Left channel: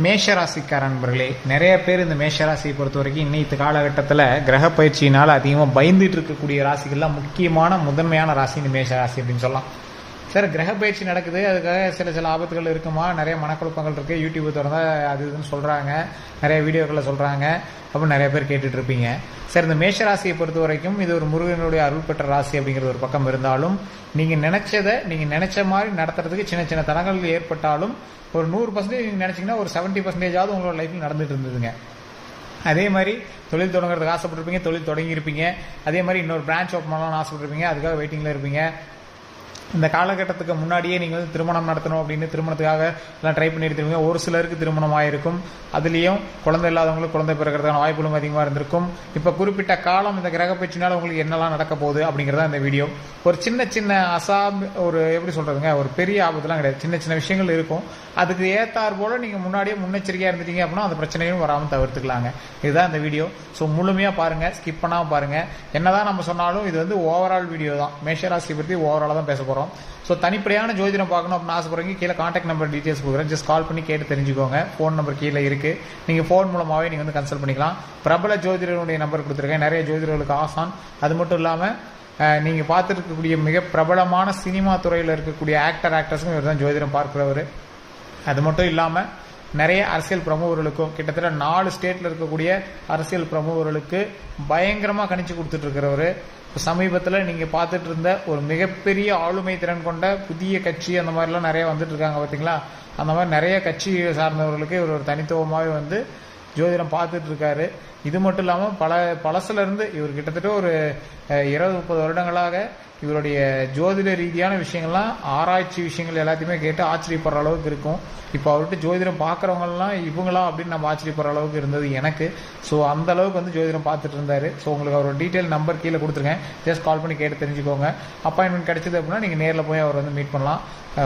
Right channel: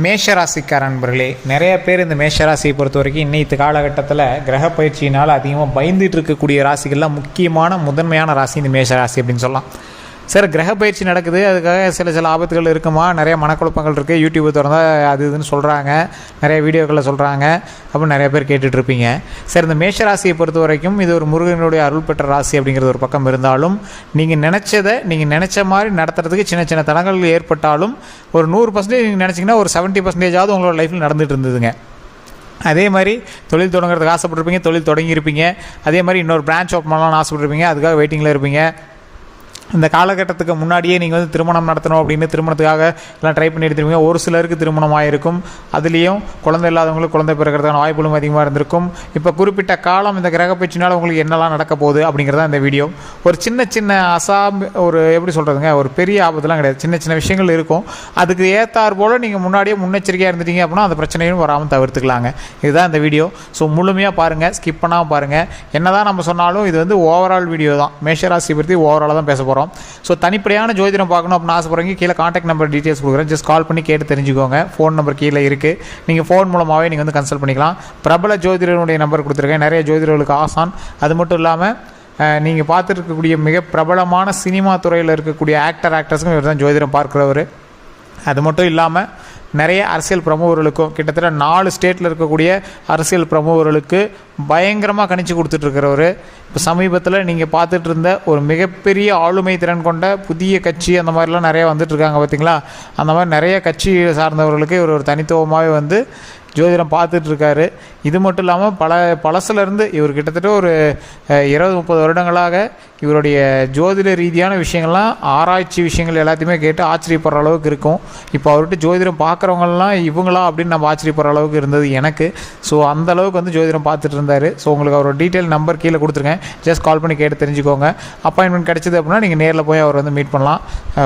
மேஷராசிக்கார நண்பர்களே, நிறைய பேர் இந்த மேஷராசியை பொறுத்த வரைக்கும் இன்னைக்கு காலகட்டத்தில் கிரக பயிற்சியினால் அதிகமாக பயந்துட்டு இருக்கக்கூடிய ராசிகள்லாம் முக்கியமான முதன்மையான ராசி இந்த மேஷராசி அப்படின்னு சொல்லலாம். சார், கிரக பயிற்சி நடக்குது, அதுக்காக சில ஆபத்துகள் இருக்குமா, நிறைய மனக்குழப்பங்கள் இருக்குது, யூடியூப் திறந்தால் அது இதுன்னு சொல்கிறாங்க, நிறைய வீடியோக்களில் சொல்கிறாங்க அப்படின்னு நிறைய பேர் கேட்டுட்ருப்பீங்க. சார், இந்த மேஷராசியை பொறுத்த வரைக்கும் இது ஒரு முருகனுடைய அருள் பெற்ற ராசி அப்படிங்கிறது ஒரு பக்கம் இருந்தாலும், நீங்கள் நினச்ச மாதிரி நடத்துறதுக்கு சின்ன சின்ன தடங்கள் ஏற்பட்டாலும் ஒரு 100% நீங்கள் நினச்சிங்கன்னா ஒரு 70% உங்களோட லைஃப்பில் நடந்துகிட்டு இருந்ததுங்க. அதே மாதிரி தொழில் தொடங்குறதுக்கு ஆசைப்பட்டிருப்பீங்க, தொழில் தொடங்கியிருப்பீங்க. அதே மாதிரி இன்னொரு பிரான்ச் ஓப்பன் பண்ணலாம்னு ஆசைப்பட்டிருப்பீங்க, அதுக்காக வெயிட்டிங்கில் இருப்பீங்க. இந்த காலகட்டத்துக்கு முன்னாடியே நீங்கள் வந்து திருமணம் நடத்தணும் அப்படின்னு திருமணத்துக்காக எல்லாம் ட்ரை பண்ணி எடுத்துருவீங்க. ஒரு சிலருக்கு திருமணம் ஆகிருக்கும், அதுலேயும் குழந்தை இல்லாதவங்களுக்கு குழந்தை பிறக்கிறதுக்கான வாய்ப்புகளும் அதிகமாக இருந்திருக்கும். இப்போ குறிப்பிட்ட காலம் இந்த கிரக பயிற்சினால் உங்களுக்கு என்னெல்லாம் நடக்க போகுது அப்படிங்கிறதா இந்த வீடியோ. ஒரு சின்ன ஒரு எப்படி சொல்கிறதுங்க, ஒரு பெரிய ஆபத்துலாம் கிடையாது, சின்ன சின்ன விஷயங்கள் இருக்கும். அதுக்கு ஏற்றார் போல் நீங்கள் முன்னாடியே முன்னெச்சரிக்கையாக இருந்துட்டீங்க அப்படின்னா அந்த பிரச்சனையும் வராமல் தவிர்த்துக்கலாங்க. இதுதான் இந்த வீடியோ. ஸோ முழுமையாக பாருங்கள், ஸ்கிப் பண்ணாமல் பாருங்கள். என்ன தான் நம்ம சொன்னாலும் இது வந்து ஓவரால் வீடியோ தான், மேஷராசி பற்றி ஓவராலாக தான் பேச போகிறோம். ஸோ தனிப்படையான ஜோதிடம் பார்க்கணும் அப்படின்னு ஆசைப்படுறீங்க, கீழே கான்டாக்ட் நம்பர் டீட்டெயில்ஸ் கொடுக்குறேன், ஜஸ்ட் கால் பண்ணி கேட்டு தெரிஞ்சுக்கோங்க. ஃபோன் நம்பர் கீழே இருக்குது, நீங்கள் ஃபோன் மூலமாகவே நீங்கள் வந்து கன்சல்ட் பண்ணிக்கலாம். பிரபல ஜோதிடருடைய நம்பர் கொடுத்துருக்கேன், நிறைய ஜோதிடர்களுக்கு ஆசான். அது மட்டும் இல்லாமல் நீங்கள் பார்த்துட்டு இருக்கக்கூடிய மிக பிரபலமான சினிமா துறையில் இருக்கக்கூடிய ஆக்டர்ஸுக்கும் இவர் தான் ஜோதிடம் பார்க்குறவர். அது மட்டும் இல்லாமல் நிறைய அரசியல் பிரமுகர்களுக்கும் கிட்டத்தட்ட 4 ஸ்டேட்டில் இருக்கக்கூடிய அரசியல் பிரமுகர்களுக்கு பயங்கரமாக கணிச்சு கொடுத்துட்ருக்கிறவர். இப்போ சமீபத்தில் நீங்கள் பார்த்துட்டு இருந்த ஒரு மிகப்பெரிய ஆளுமை திறன் கொண்ட புதிய கட்சி அந்த மாதிரிலாம் நிறையா வந்துட்டுருக்காங்க பார்த்தீங்களா. அந்த மாதிரி நிறைய கட்சி சார்ந்தவர்களுக்கு இவர் ஒரு தனித்துவமாகவே வந்து ஜோதிடம் பார்த்துட்ருக்காரு. இது மட்டும் இல்லாமல் பழசுலேருந்து இவர் கிட்டத்தட்ட ஒரு 20-30 வருடங்களாக இவருடைய ஜோதிட ரீதியான விஷயங்கள்லாம், ஆராய்ச்சி விஷயங்கள் எல்லாத்தையுமே கேட்டு ஆச்சரியப்படுற அளவுக்கு இருக்கும். இப்போ அவர்கிட்ட ஜோதிடம் பார்க்குறவங்கலாம் இவங்களா அப்படின்னு நம்ம ஆச்சரியப்படுற அளவுக்கு இருந்தது எனக்கு. ஸோ அந்த அளவுக்கு வந்து ஜோதிடம் பார்த்துட்டு இருந்தார். ஸோ உங்களுக்கு அவரோட டீட்டெயில் நம்பர் கீழே கொடுத்துருக்கேன், ஜஸ்ட் கால் பண்ணி கேட்டு தெரிஞ்சுக்கோங்க. அப்பாயின்மெண்ட் கிடைச்சது அப்படின்னா நீங்கள் நேரில் போய் அவர் வந்து மீட் பண்ணலாம்.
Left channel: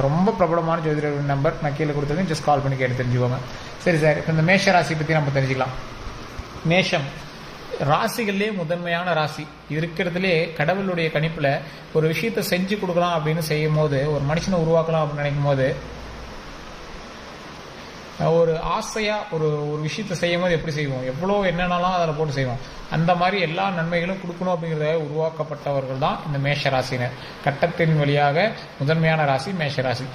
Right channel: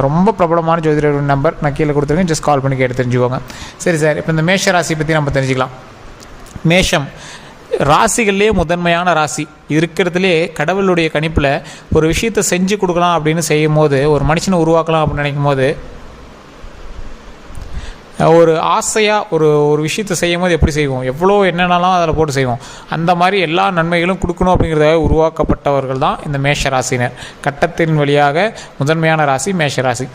ரொம்ப பிரபலமான ஜோதிடர் நம்பர் நான் கீழே கொடுத்துருக்கேன், ஜஸ்ட் கால் பண்ணி கேட்டு தெரிஞ்சுக்கோங்க. சரி சார், இப்போ இந்த மேஷ ராசி பற்றி நம்ம தெரிஞ்சுக்கலாம். மேஷம் ராசிகள்லேயே முதன்மையான ராசி. இருக்கிறதுலே கடவுளுடைய கணிப்பில் ஒரு விஷயத்தை செஞ்சு கொடுக்கலாம் அப்படின்னு செய்யும் போது, ஒரு மனுஷனை உருவாக்கலாம் அப்படின்னு நினைக்கும் போது, ஒரு ஆசையாக ஒரு விஷயத்தை செய்யும் போது எப்படி செய்வோம், எவ்வளோ என்னென்னலாம் அதில் போட்டு செய்வோம். அந்த மாதிரி எல்லா நன்மைகளும் கொடுக்கணும் அப்படிங்கிறதாக உருவாக்கப்பட்டவர்கள் தான் இந்த மேஷராசினர். கட்டத்தின் வழியாக முதன்மையான ராசி மேஷராசி.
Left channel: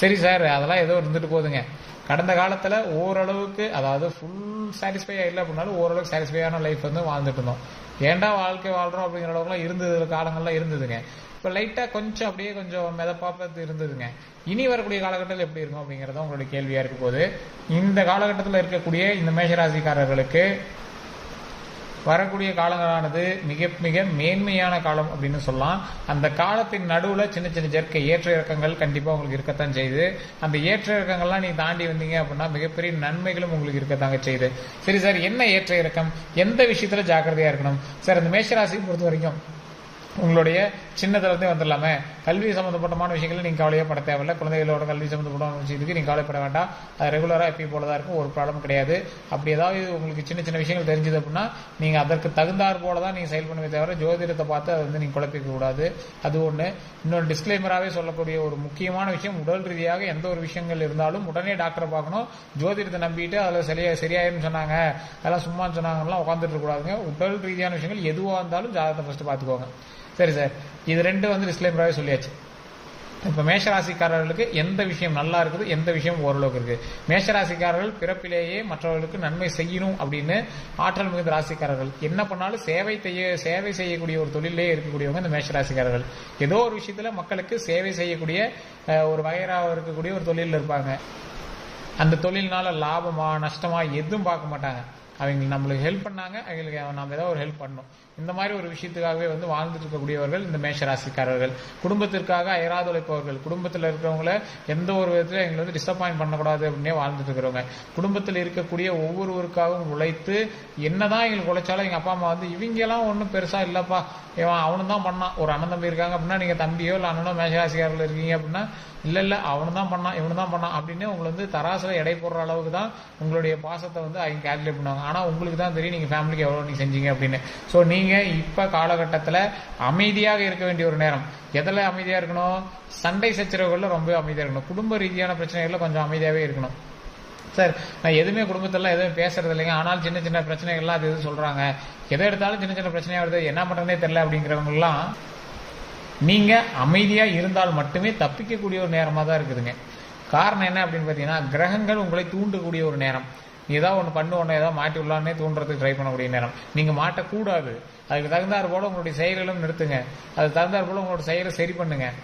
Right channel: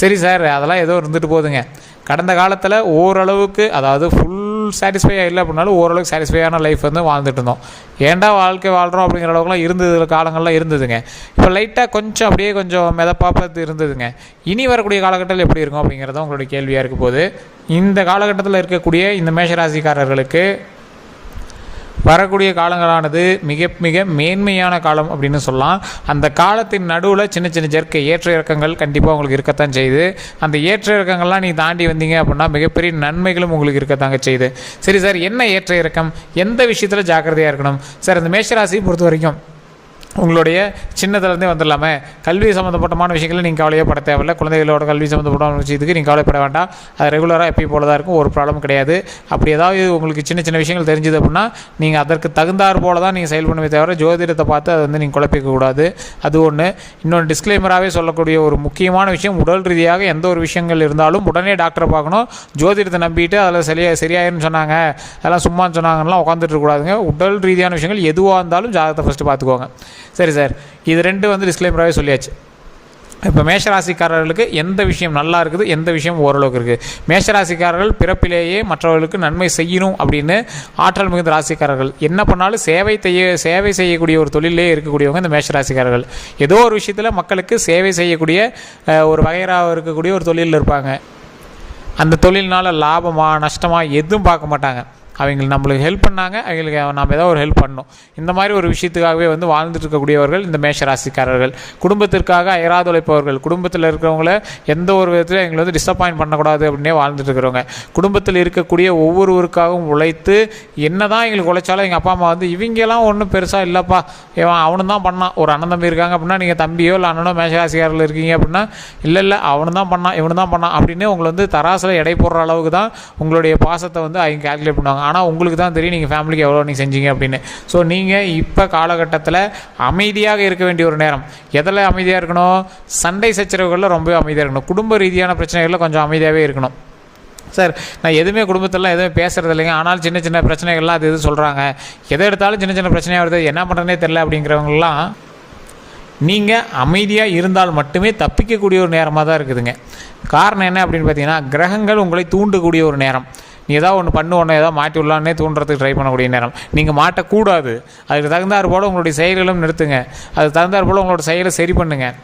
சரி சார், அதெல்லாம் ஏதோ இருந்துட்டு போகுதுங்க. கடந்த காலத்தில் ஓரளவுக்கு, அதாவது ஃபுல் சாட்டிஸ்ஃபையாக இல்லை அப்படின்னாலும் ஓரளவுக்கு சாட்டிஸ்ஃபையான லைஃப் வந்து வாழ்ந்துட்டு இருந்தோம். ஏன்டா வாழ்க்கை வாழ்கிறோம் அப்படிங்கிற அளவுக்குலாம் இருந்தது காலங்கள்லாம் இருந்ததுங்க. இப்போ லைட்டாக கொஞ்சம் அப்படியே கொஞ்சம் மிதப்பாப்பது இருந்ததுங்க. இனி வரக்கூடிய காலகட்டத்தில் எப்படி இருக்கும் அப்படிங்கிறத உங்களுடைய கேள்வியாக இருக்க போது. இந்த காலகட்டத்தில் இருக்கக்கூடிய இந்த மேஷராசிக்காரர்களுக்கு வரக்கூடிய காலங்களானது மிக மிக மேன்மையான காலம் அப்படின்னு சொல்லலாம். அந்த காலத்தின் நடுவில் சின்ன சின்ன ஏற்ற இறக்கங்கள் கண்டிப்பாக உங்களுக்கு இருக்கத்தான் செய்யுது. அந்த ஏற்ற இறக்கங்கள்லாம் நீங்கள் தாண்டி வந்தீங்க அப்படின்னா மிகப்பெரிய நன்மைகளும் உங்களுக்கு இருக்கத்தாங்க செய்யுது. சரி சார், என்ன ஏற்ற இறக்கம், எந்த விஷயத்தில் ஜாக்கிரதையாக இருக்கணும் சார்? இந்த மேஷராசியை பொறுத்த வரைக்கும் உங்களுடைய சின்னதுலேருந்தே வந்துடலாமே, கல்வி சம்மந்தப்பட்டமான விஷயங்களில் நீங்கள் கவலையப்பட தேவையில்லை. குழந்தைகளோட கல்வி சம்மந்தப்பட்ட விஷயத்துக்கு நீங்கள் கவலைப்பட வேண்டாம். அது ரெகுலராக எப்பயும் போல தான் இருக்கும், ஒரு ப்ராப்ளம் கிடையாது. அப்படி ஏதாவது உங்களுக்கு சின்ன சின்ன விஷயங்கள் தெரிஞ்சுது அப்படின்னா நீங்கள் அதற்கு தகுந்தாறு போல தான் நீங்கள் செயல் பண்ணுவே தவிர ஜோதிடத்தை பார்த்து அதை வந்து நீங்கள் குழப்பிக்கக்கூடாது. அது ஒன்று. இன்னொன்று டிஸ்க்ளைமராகவே சொல்லக்கூடிய ஒரு முக்கியமான விஷயம், உடல் ரீதியாக எந்த ஒரு விஷயங்கள் இருந்தாலும் உடனே டாக்டரை பார்க்கணும். ஜோதிடத்தை நம்பிட்டு அதில் சரியாயிருன்னு சொன்னாங்க, அதெல்லாம் சும்மான்னு சொன்னாங்கலாம் உட்காந்துட்டு இருக்கக்கூடாதுங்க. உடல் ரீதியான விஷயங்கள் எதுவாக இருந்தாலும் ஜாதகத்தை ஃபஸ்ட்டு பார்த்துக்கோங்க. சரி சார், இது 2 வந்து டிஸ்க்ளைமராகவே சொல்லியாச்சு. இப்போ மேஷராசிக்காரர்களுக்கு எந்த விஷயம் நல்லா இருக்குது, எந்த விஷயம் ஓரளவுக்கு இருக்குது. மேஷராசிக்காரர்கள் பிறப்பிலேயே மற்றவர்களுக்கு நன்மை செய்யணும் அப்படின்னு ஆற்றல் மிகுந்த ராசிக்காரர்கள். என்ன பண்ணாலும் சேவை செய்யக்கூடிய ஒரு தொழிலே இருக்கக்கூடியவங்க இந்த மேஷராசிக்காரர்கள். ஏதோ ஒரு விஷயத்தில் மக்களுக்கு சேவை செய்யக்கூடிய ஒரு வகைராக இருக்கக்கூடிய ஒரு தொழிலில் இருப்பாங்க. அந்த தொழில்னால் லாபமா நஷ்டமா எதுவும் பார்க்க மாட்டாங்க. அவங்களுக்கு நம்மளுக்கு ஹெல்ப் பண்ணாங்க, அவங்களுக்கு நம்ம ஏதோ ஒரு ஹெல்ப் பண்ணணும், இந்த மாதிரி ஒரு விஷயத்துக்காகவே வந்து வாழ்ந்துட்டு இருக்கக்கூடியவர்கள் இந்த மேஷராசிக்காரர்கள். குடும்பத்திற்காக அயராது உழைப்பவர்கள். குடும்பத்தில் இருக்கிறவங்கள எந்த ஒரு விதத்தில் எங்களை வந்து டிசப்பாயின்ட் பண்ணக்கூடாது அப்படின்னே வாழ்ந்துட்டு இருக்கிறவங்க. குடும்பத்தில் இருக்கக்கூடிய ஒவ்வொருவருக்காகவும் உழைத்து, என்ன தான் எங்களுக்கு உழைச்சாலும் எங்கள் அப்பா அம்மா வந்து இவங்கெல்லாம் ஒன்றும் பெருசாக இல்லைப்பா, அவனு தான் பண்ணான். ஒரு அண்ணன் தம்பி இருக்காங்க அப்படின்னா, நீங்கள் தம்பியோ இல்லை அண்ணனோ மேஷராசிக்காரர்கள் இருக்கீங்க அப்படின்னா, இல்லை அவனு தான் பண்ணான் இவனு தான் பண்ணான் அப்படின்னு உங்களை வந்து தராசில் எடை போடுற அளவுக்கு தான் உங்களுடைய பாசத்தை வந்து அவங்க கால்குலேட் பண்ணுவாங்க. ஆனால் உங்களுக்கு தான் தெரியும் நீங்கள் ஃபேமிலிக்கு எவ்வளோ நீங்கள் செஞ்சீங்க அப்படின்னு. ஸோ நீங்கள் இப்போ காலகட்டத்தில் அமைதியாக இருக்க வேண்டிய ஒரு நேரம். எதில் அமைதியாக இருக்கணும்? சண்டை சச்சரவுகளில் ரொம்ப அமைதியாக இருக்கணும். குடும்ப ரீதியான பிரச்சனைகளில் கொஞ்சம் அமைதியாகவே இருக்கணும். சார் நான் எதுவுமே குடும்பத்திலலாம் எதுவுமே பேசுகிறது இல்லைங்க, ஆனாலும் சின்ன சின்ன பிரச்சனைகள்லாம் அது சொல்கிறாங்க, எதை எடுத்தாலும் சின்ன சின்ன பிரச்சனையாக வருது, என்ன பண்ணுறதுனே தெரில அப்படிங்கிறவங்களாம் நீங்கள் அமைதியாக இருந்தால் மட்டுமே தப்பிக்கக்கூடிய ஒரு நேரமாக தான் இருக்குதுங்க. காரணம் என்ன அப்படின்னு பார்த்தீங்கன்னா, கிரகங்கள் உங்களை தூண்டக்கூடிய ஒரு நேரம். நீ ஏதாவது ஒன்று ஏதாவது மாட்டி விடலான்னே தூண்டுறதுக்கு ட்ரை பண்ணக்கூடிய நேரம். நீங்கள் மாட்டக்கூடாது. அதுக்கு தகுந்தாற் போல் உங்களுடைய செயல்களும் நிறுத்துங்க. அதுக்கு தகுந்தாற் போல் உங்களோட செயலை சரி பண்ணுங்கள்.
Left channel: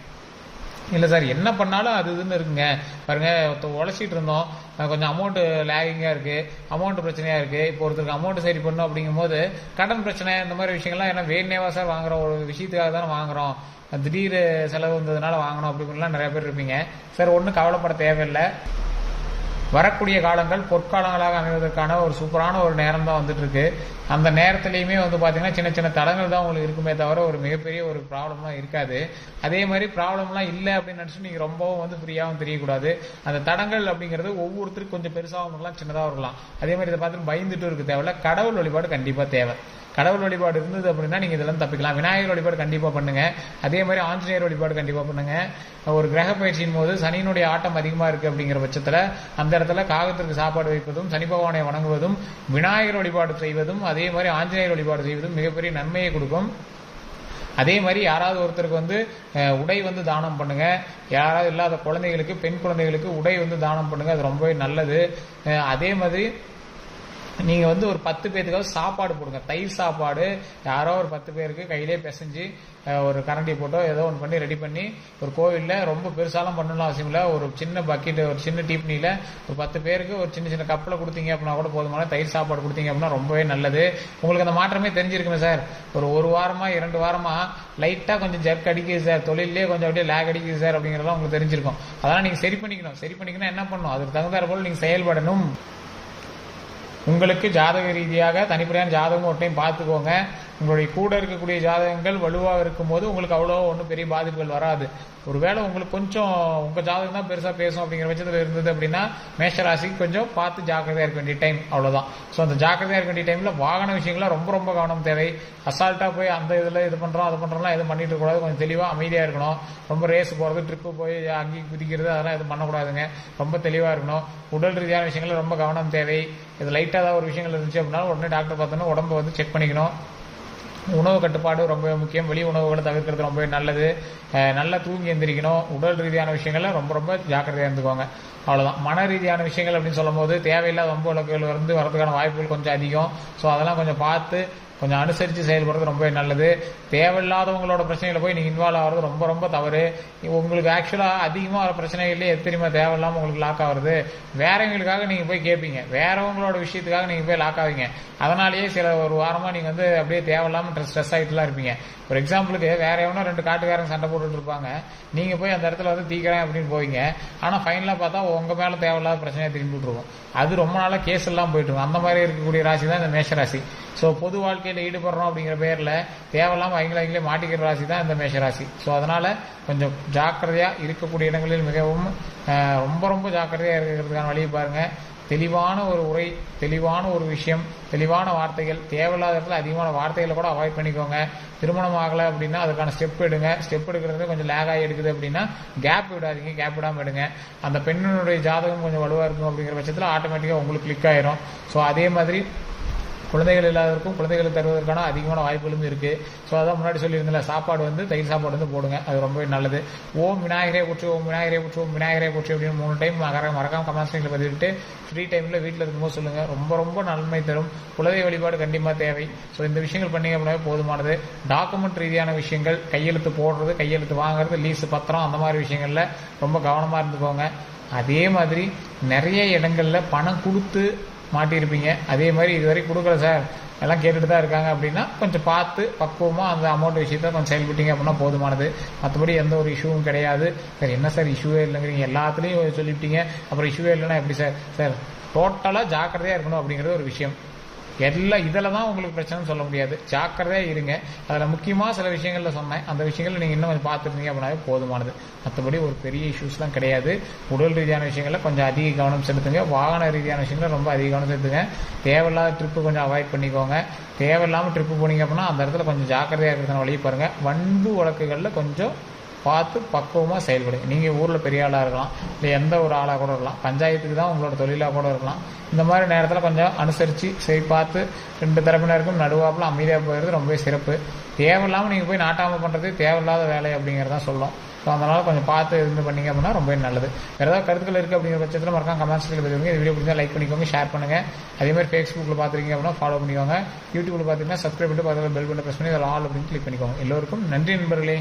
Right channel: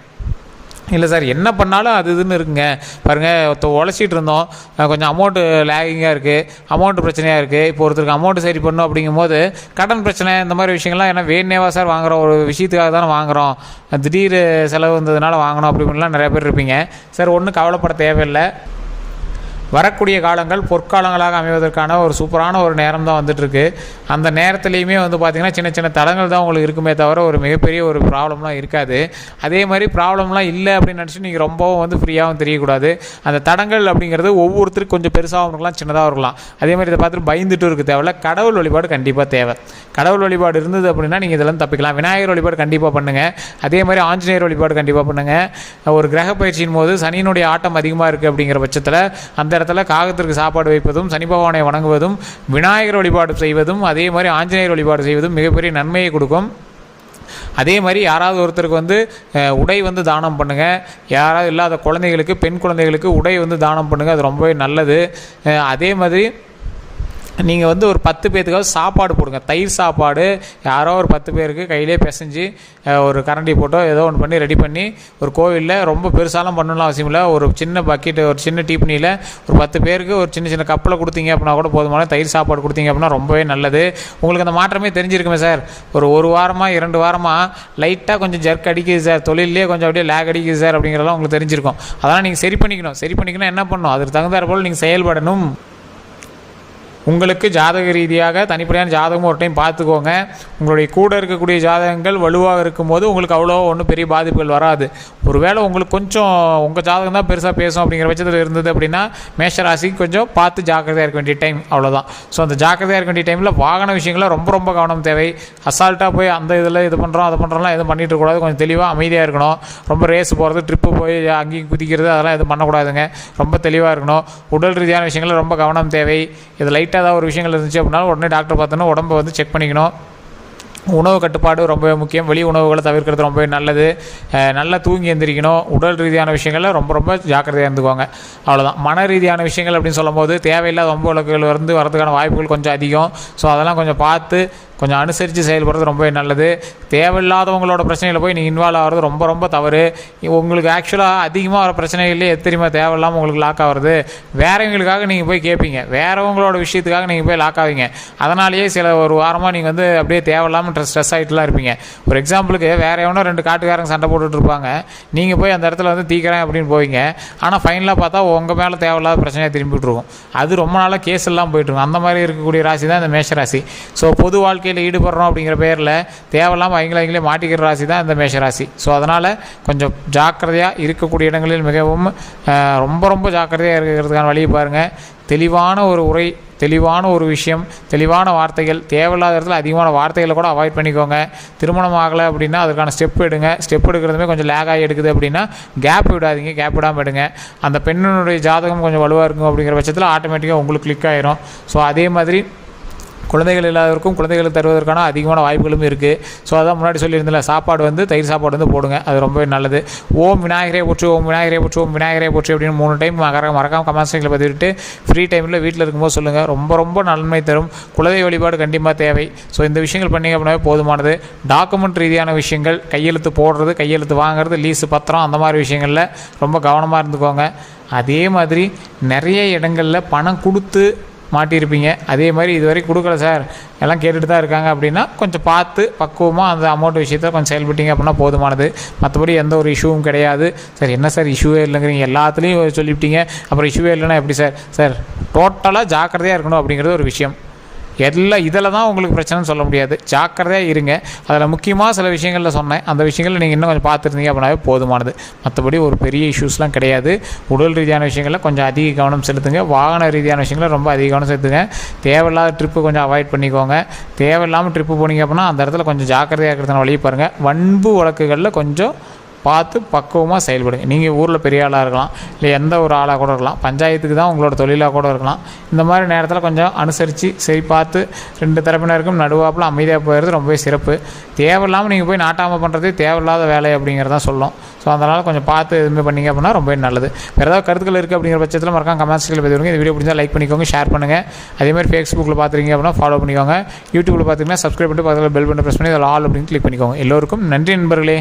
இல்லை சார் என்ன பண்ணாலும் அது இதுன்னு இருக்குங்க, பாருங்கள் உழைச்சிட்டு இருந்தோம், கொஞ்சம் அமௌண்ட்டு லேகிங்காக இருக்குது, அமௌண்ட்டு பிரச்சனையாக இருக்குது, இப்போ ஒருத்தருக்கு அமௌண்ட்டு சரி பண்ணணும் அப்படிங்கும்போது கடன் பிரச்சனை இந்த மாதிரி விஷயங்கள்லாம் ஏன்னா வேணேவா சார் வாங்குகிறோம், ஒரு விஷயத்துக்காக தானே வாங்குகிறோம், திடீர் செலவு வந்ததுனால வாங்கணும் அப்படின்லாம் நிறைய பேர் இருப்பீங்க. சார் ஒன்றும் கவலைப்பட தேவையில்லை. வரக்கூடிய காலங்கள் பொற்காலங்களாக அமைவதற்கான ஒரு சூப்பரான ஒரு நேரம் தான் வந்துட்டுருக்கு. அந்த நேரத்துலையுமே பார்த்திங்கன்னா சின்ன சின்ன தடங்கள் தான் உங்களுக்கு இருக்குமே தவிர ஒரு மிகப்பெரிய ஒரு ப்ராப்ளம்லாம் இருக்காது. அதே மாதிரி ப்ராப்ளம்லாம் இல்லை அப்படின்னு நினச்சி நீங்கள் ரொம்பவும் ஃப்ரீயாகவும் தெரியக்கூடாது. அந்த தடங்கள் அப்படிங்கிறது ஒவ்வொருத்தருக்கு கொஞ்சம் பெருசாகவும் இருக்கலாம், சின்னதாக இருக்கலாம். அதே மாதிரி இதை பார்த்துட்டு பயந்துட்டு இருக்க தேவையில்ல. கடவுள் வழிபாடு கண்டிப்பாக தேவை. கடவுள் வழிபாடு இருந்தது அப்படின்னா நீங்கள் இதெல்லாம் தப்பிக்கலாம். விநாயகர் வழிபாடு கண்டிப்பாக பண்ணுங்கள். அதே மாதிரி ஆஞ்சநேயர் வழிபாடு கண்டிப்பாக பண்ணுங்கள். ஒரு கிரக பயிற்சியின் போது சனியினுடைய ஆட்டம் அதிகமாக இருக்குது அப்படிங்கிற பட்சத்தில் அந்த இடத்துல காகத்திற்கு சாப்பாடு வைப்பதும், சனி பகவானை வணங்குவதும், விநாயகர் வழிபாடு செய்வதும், அதே மாதிரி ஆஞ்சநேயர் வழிபாடு செய்வதும் மிகப்பெரிய நன்மையை கொடுக்கும். அதே மாதிரி யாராவது ஒருத்தருக்கு உடை தானம் பண்ணுங்கள். யாராவது இல்லாத குழந்தைகளுக்கு, பெண் குழந்தைகளுக்கு உடை தானம் பண்ணுங்கள். அது ரொம்பவே நல்லது. அதே மாதிரி நீங்கள் ஒரு 10 பேர்த்துக்காவது சாப்பாடு போடுங்க. தயிர் சாப்பாடு யாரோ ஒரு 10 பேருக்கு கையிலே பிசைஞ்சு ஒரு கரண்டி போட்டோ ஏதோ ஒன்று பண்ணி ரெடி பண்ணி ஒரு கோவிலில் ரொம்ப பெருசாலாம் பண்ணணும்னு அவசியம் இல்லை. ஒரு சின்ன பக்கெட்டு, ஒரு சின்ன டீப்பனியில் ஒரு 10 பேருக்கு ஒரு சின்ன சின்ன கப்பில் கொடுத்தீங்க அப்படின்னா கூட போதுமான தயிர் சாப்பாடு கொடுத்தீங்க அப்படின்னா ரொம்பவே நல்லது. உங்களுக்கு அந்த மாற்றமே தெரிஞ்சிருக்குமே சார். ஒரு வாரமாக 2 வாரமாக லைட்டாக கொஞ்சம் ஜர்க் அடிக்குது சார், தொழிலே கொஞ்சம் அப்படியே லேக் அடிக்குது சார் அப்படிங்கிறதெல்லாம் உங்களுக்கு தெரிஞ்சிருக்கும். அதெல்லாம் நீங்கள் சரி பண்ணிக்கணும் என்ன பண்ணணும், அதுக்கு தகுந்தாற் போல் நீங்கள் செயல்படணும். உங்களுக்கு ஜாதக ரீதியாக தனிப்படையான ஜாதகமும் ஒரு டைம் பார்த்துக்கோங்க. உங்களுடைய கூட இருக்கக்கூடிய ஜாதகங்கள் வலுவாக இருக்கும்போது உங்களுக்கு அவ்வளோ ஒன்றும் பெரிய பாதிப்புகள் வராது. ஒருவேளை உங்களுக்கு கொஞ்சம் உங்கள் ஜாதகம் தான் பெருசாக பேசும் அப்படிங்கிற பட்சத்தில் இருந்தது அப்படின்னா மேஷராசிக்கு கொஞ்சம் பார்த்து ஜாக்கிரதையாக இருக்க வேண்டிய டைம், அவ்வளோதான். ஸோ அந்த ஜாக்கிரதையாக இருக்க வேண்டிய டைமில் வாகன விஷயங்களில் ரொம்ப ரொம்ப கவனம் தேவை. அசால்ட்டாக போய் அந்த இதில் இது பண்ணுறோம் அதை பண்ணுறோம்லாம் எதுவும் பண்ணிட்டு இருக்கக்கூடாது. கொஞ்சம் தெளிவாக அமைதியாக இருக்கணும். ரொம்ப ரேஸ் போகிறது, ட்ரிப்பு போய் அங்கேயும் குதிக்கிறது அதெல்லாம் எதுவும் பண்ணக்கூடாதுங்க. ரொம்ப தெளிவாக இருக்கணும். உடல் ரீதியான விஷயங்களில் ரொம்ப கவனம் தேவை. இது லைட்டாக ஏதாவது ஒரு விஷயங்கள் இருந்துச்சு அப்படின்னா உடனே டாக்டர் பார்த்தோன்னா உடம்பை செக் பண்ணிக்கணும். உணவு கட்டுப்பாடு ரொம்பவே முக்கியம். வெளி உணவுகளை தவிர்க்கிறது ரொம்பவே நல்லது. நல்லா தூங்கி எந்திரிக்கணும். உடல் ரீதியான விஷயங்களில் ரொம்ப ரொம்ப ஜாக்கிரதையாக இருந்துக்குவாங்க, அவ்வளோதான். மன ரீதியான விஷயங்கள் அப்படின்னு சொல்லும் போது தேவையில்லாத வம்பு வழக்குகள் வரதுக்கான வாய்ப்புகள் கொஞ்சம் அதிகம். ஸோ அதெல்லாம் கொஞ்சம் பார்த்து கொஞ்சம் அனுசரித்து செயல்படுறது ரொம்பவே நல்லது. தேவையில்லாதவங்களோட பிரச்சனையில் போய் நீங்கள் இன்வால்வ் ஆகிறது ரொம்ப ரொம்ப தவறு. உங்களுக்கு ஆக்சுவலாக அதிகமாக வர பிரச்சனைகளே தெரியுமா தேவையில்லாமல் உங்களுக்கு லாக் ஆகிறது. வேறவங்களுக்காக நீங்கள் போய் கேட்பீங்க, வேறவங்களோட விஷயத்துக்காக நீங்கள் போய் லாக் ஆவீங்க. அதனாலேயே சில ஒரு வாரமாக நீங்கள் அப்படியே தேவையில்லாமல் ஸ்ட்ரெஸ் ஆகிட்டுலாம் இருப்பீங்க. ஒரு எக்ஸாம்பிளுக்கு வேறு எவனோ 2 காட்டுக்காரங்க சண்டை போட்டுட்டு இருப்பாங்க, நீங்கள் போய் அந்த இடத்துல தீக்கிறேன் அப்படின்னு போவீங்க. ஆனால் ஃபைனலாக பார்த்தா உங்கள் மேலே தேவையில்லாத பிரச்சனையாக திரும்பி விட்டுருவோம். அது ரொம்ப நாளாக கேஸ் எல்லாம் போயிட்டுருக்கும். அந்த மாதிரி இருக்கக்கூடிய ராசி தான் இந்த மேஷராசி. ஸோ பொது வாழ்க்கையில் ஈடுபடுறோம் அப்படிங்கிற பேரில் தேவையில்லாமல் அவங்களே மாட்டிக்கிற ராசி தான் இந்த மேஷராசி. ஸோ அதனால் கொஞ்சம் ஜாக்கிரதையாக இருக்கக்கூடிய இடங்களில் மிகவும் ரொம்ப ரொம்ப ஜாக்கிரதையாக இருக்கிறதுக்கான வழியை பாருங்கள். தெளிவான ஒரு உரை, தெளிவான ஒரு விஷயம், தெளிவான வார்த்தைகள், தேவையில்லாத இடத்துல அதிகமான வார்த்தைகளை கூட அவாய்ட் பண்ணிக்கோங்க. திருமணம் ஆகலை அப்படின்னா அதுக்கான ஸ்டெப் எடுங்க. ஸ்டெப் எடுக்கிறதுமே கொஞ்சம் லேக் ஆகி எடுக்குது அப்படின்னா கேப் விடாதீங்க, கேப் விடாமல் எடுங்க. அந்த பெண்ணினுடைய ஜாதகம் கொஞ்சம் வலுவாக இருக்கும் அப்படிங்கிற பட்சத்தில் ஆட்டோமேட்டிக்காக உங்களுக்கு கிளிக் ஆயிரும். ஸோ அதே மாதிரி குழந்தைகள் இல்லாதவருக்கும் குழந்தைகளுக்கு தருவதற்கான அதிகமான வாய்ப்புகளும் இருக்குது. ஸோ அதான் முன்னாடி சொல்லியிருந்தில்ல, சாப்பாடு தயிர் சாப்பாடு போடுங்க, அது ரொம்பவே நல்லது. ஓம் விநாயகரே போற்று, ஓம் விநாயகரே போற்று, ஓம் விநாயகரே போற்று அப்படின்னு 3 டைம் மறக்காமல் கமெண்ட் செக்ஷனில் பதிவிட்டு ஃப்ரீ டைமில் வீட்டில் இருக்கும்போது சொல்லுங்கள். ரொம்ப ரொம்ப நன்மை தரும். குலதெய்வ வழிபாடு கண்டிப்பாக தேவை. ஸோ இந்த விஷயங்கள் பண்ணிங்க அப்படின்னாவே போதுமானது. டாக்குமெண்ட் ரீதியான விஷயங்கள், கையெழுத்து போடுறது, கையெழுத்து வாங்குறது, லீஸு பத்திரம், அந்த மாதிரி விஷயங்களில் ரொம்ப கவனமாக இருந்துக்கோங்க. அதே மாதிரி நிறைய இடங்களில் பணம் கொடுத்து மாட்டியிருப்பீங்க. அதே மாதிரி இதுவரை கொடுக்கல சார், எல்லாம் கேட்டுட்டு தான் இருக்காங்க அப்படின்னா கொஞ்சம் பார்த்து பக்குவமாக அந்த அமௌண்ட் விஷயத்தை கொஞ்சம் செயல்பட்டீங்க அப்படின்னா போதுமானது. மற்றபடி எந்த ஒரு இஷ்யூவும் கிடையாது. சார் என்ன சார் இஷ்யூவே இல்லைங்கிறீங்க, எல்லாத்துலேயும் சொல்லிவிட்டீங்க, அப்புறம் இஷ்யூவே இல்லைன்னா எப்படி சார்? சார் டோட்டலாக ஜாக்கிரதையாக இருக்கணும் அப்படிங்கிறது ஒரு விஷயம். இதில் தான் உங்களுக்கு பிரச்சனைன்னு சொல்ல முடியாது. ஜாக்கிரதையாக இருங்க. அதில் முக்கியமாக சில விஷயங்களில் சொன்னேன், அந்த விஷயங்களில் நீங்கள் இன்னும் கொஞ்சம் பார்த்துருந்தீங்க அப்படின்னாவே போதுமானது. மற்றபடி ஒரு பெரிய இஷ்யூஸ்லாம் கிடையாது. உடல் ரீதியான விஷயங்களில் கொஞ்சம் அதிக கவனம் செலுத்துங்க. வாகன ரீதியான விஷயங்களில் ரொம்ப அதிக கவனம் செலுத்துங்க. தேவையில்லாத ட்ரிப்பு கொஞ்சம் அவாய்ட் பண்ணிக்கோங்க. தேவையில்லாமல் ட்ரிப்பு போனீங்க அப்படின்னா அந்த இடத்துல கொஞ்சம் ஜாக்கிரதையாக இருக்கிறதுனால வழியை பாருங்கள். வன்பு வழக்குகளில் கொஞ்சம் பார்த்து பக்குவமாக செயல்படுங்க. நீங்கள் ஊரில் பெரிய ஆளாக இருக்கலாம், இல்லை எந்த ஒரு ஆளாக கூட இருக்கலாம், பஞ்சாயத்துக்கு தான் உங்களோட தொழிலாக கூட இருக்கலாம். இந்த மாதிரி நேரத்தில் கொஞ்சம் அனுசரித்து சரி பார்த்து 2 தரப்பினருக்கும் நடுவாப்பில் அமைதியாக போயிடுறது ரொம்பவே சிறப்பு. தேவையில்லாமல் நீங்கள் போய் நாட்டாமல் பண்ணுறது தேவையில்லாத வேலை அப்படிங்கிறதான் சொல்லும். ஸோ அதனால் கொஞ்சம் பார்த்து இது பண்ணிங்க அப்படின்னா ரொம்பவே நல்லது. வேறு ஏதாவது கருத்துக்கள் இருக்குது அப்படிங்கிற பட்சத்தில் மறக்காம கமெண்ட்ஸ்களில் பதிவிடுங்க. இந்த வீடியோ பிடிச்சா லைக் பண்ணிக்கோங்க, ஷேர் பண்ணுங்கள். அதேமாதிரி ஃபேஸ்புக்கில் பார்த்துருக்கீங்க அப்படின்னா ஃபாலோ பண்ணிக்கோங்க. யூடியூப்பில் பார்த்தீங்கன்னா சப்ஸ்கிரைப் பண்ணிட்டு பக்கத்தில் பெல் பட்டன் ப்ரெஸ் பண்ணி அதில் ஆல் அப்படின்னு கிளிக் பண்ணிக்கோங்க. எல்லோருக்கும் நன்றி நண்பர்களே.